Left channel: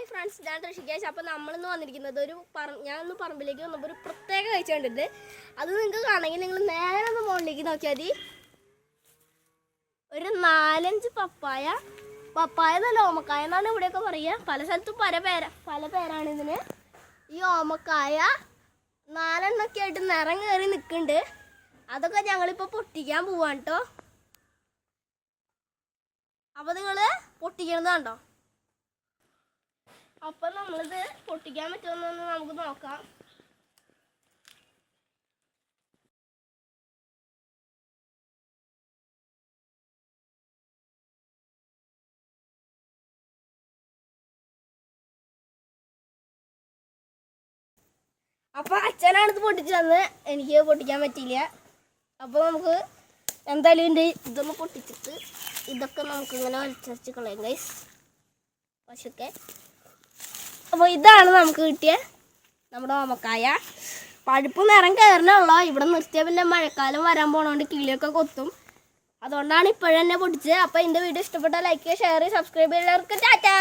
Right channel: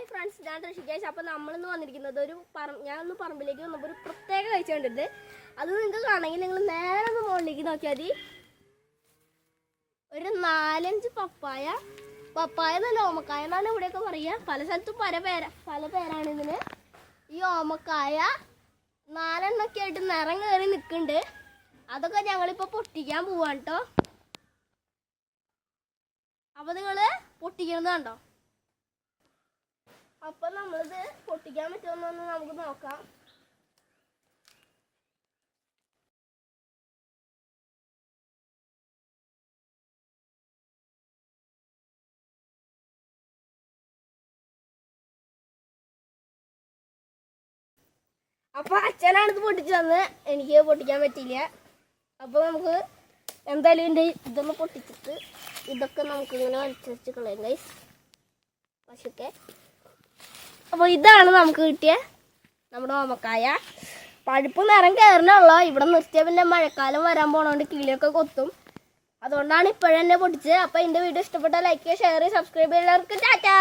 Hi friends, ഞാൻ ഋഷികേഷ്. അപ്പോൾ നമ്മളിന്ന് വന്നിരിക്കുന്നത് ഞാനൊന്ന് പറമ്പിലേക്ക് വന്നപ്പോൾ ഒരു പ്രത്യേക കാഴ്ച കണ്ടിട്ട് അത് നിങ്ങൾക്ക് കാണണമെങ്കിൽ നിങ്ങൾ നേരെ ഒന്ന് മുകളിലേക്ക് നോക്കിയാൽ മതി. ഒരു 4-5 പപ്പായ നല്ല ഓമക്കായ എന്നാണ് ഇവിടെയൊക്കെ പറയുക. പല സ്ഥലത്തും പല പേരാണ് ഇതിന്. ഈ ഓമക്കായ 4 ആയിട്ട് നിറം കയറി നിൽക്കുന്നുണ്ട്. അതൊക്കെ ഞങ്ങളിപ്പോൾ പൊട്ടിക്കാൻ പോവാണ് കേട്ടോ. അപ്പോൾ നിങ്ങൾ പൊട്ടിക്കുന്നത് കണ്ടോ? അപ്പൊ നമ്മളിത് പൊട്ടിക്കാൻ പറ്റുമെന്നൊന്ന് നമുക്ക് നോക്കാം. അപ്പൊ അച്ഛനാണ് ഇത് പൊട്ടിച്ചു തന്നത്, എനിക്ക് പൊട്ടിക്കാൻ പറ്റിയില്ല. അപ്പൊ നമുക്ക് എന്തായാലും ഇതൊന്ന് പൊട്ടിച്ചിട്ട് ഇതൊക്കെ നമുക്ക് ഇങ്ങനെ വലിച്ചരച്ച് കളയാം ഗൈസ്. പശുക്കെ അപ്പോൾ ഇതാണ് നമുക്ക് കിട്ടിയ നമ്മുടെ ഓമക്കായ. പഴുപ്പ് നിറം കയറണുള്ള ഇവിടെ നിർത്തിയാൽ പിന്നെ മഴക്കാലം വരാൻ പോണോണ്ട് കിളിയൊക്കെ കൊത്തും. അതുകൊണ്ടാണ് ഇപ്പോഴെന്നെ പൊട്ടിച്ചത്. അപ്പോൾ എൻ്റെ വീഡിയോ ഇഷ്ടപ്പെട്ടാൽ ലൈക്ക് ചെയ്യുക, ഷെയർ ചെയ്യുക, സബ്സ്ക്രൈബ് ചെയ്യുന്നവർക്ക് ടാറ്റാ.